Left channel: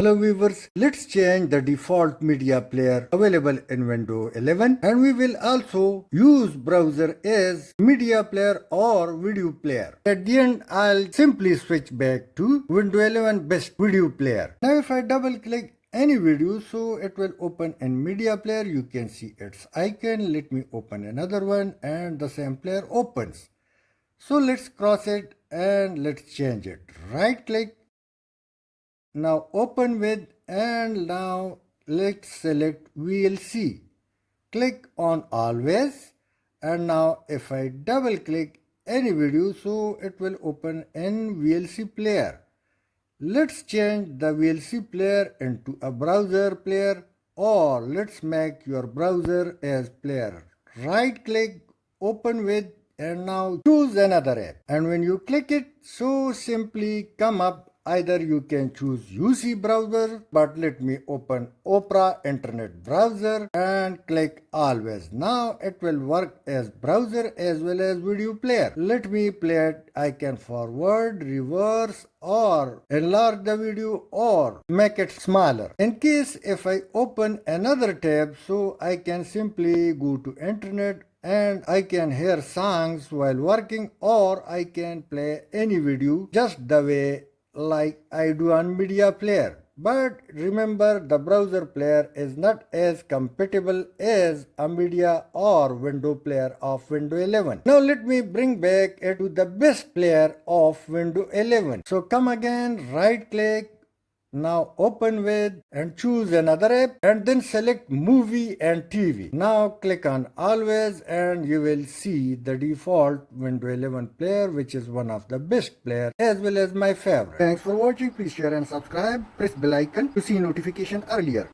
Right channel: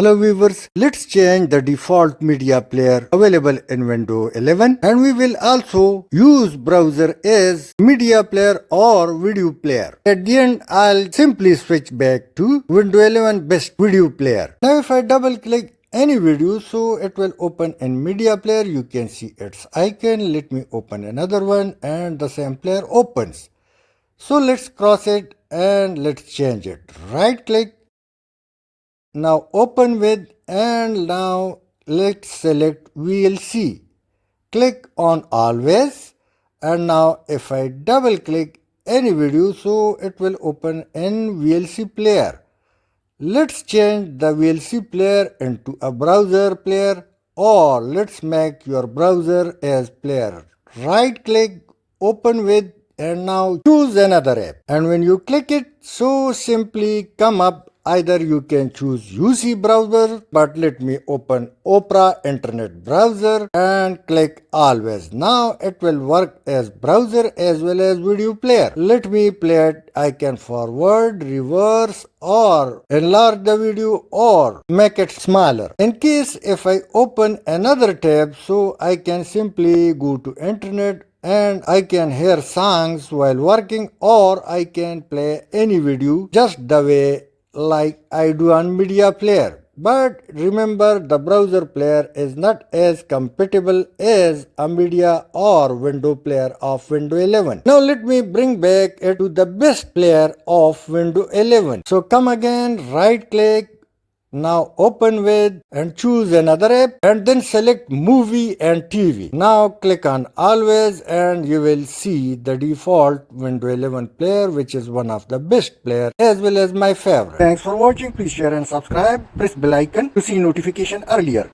Hello viewers, let's change the default media player available in Windows 11 and we will also use browser as media player or video player. At the end, I'll simply switch back to Windows 11 best video player. Now if I double click any video, so it will open in media player. You can see its icon. Let me open another one and the same player opens. So let's cross it and let's change it. Right click. Now open with and now let's select VLC. Click on always and now if I double click any video, so it will open in VLC player. Let's change the VLC player into a browser player or let's make your browser as player. Right click, open with and now choose another app. And when you click it, so simply come up. Either you can choose UC browser, but let me open Opera internet browser and click always. Now it will work as browser as well as video player. Let me play it. I can forward, reverse or enlarge the video or make it smaller. In case if I open another tab, so I can simply go to internet and I can hear songs while working or I can play any video just the way like I do on media player. But remember, the browser player is not as compatible as a media or window player of Windows 11. Now let me bring back it to the best player of Windows 11. So come again, right click. Now open with and choose another app and then select movie and TV. Now click on always and you will see the default Windows 11 player, which is one of the best player as well as my favorite. Thanks for watching. Please share and subscribe. Press bell icon to see notification earlier.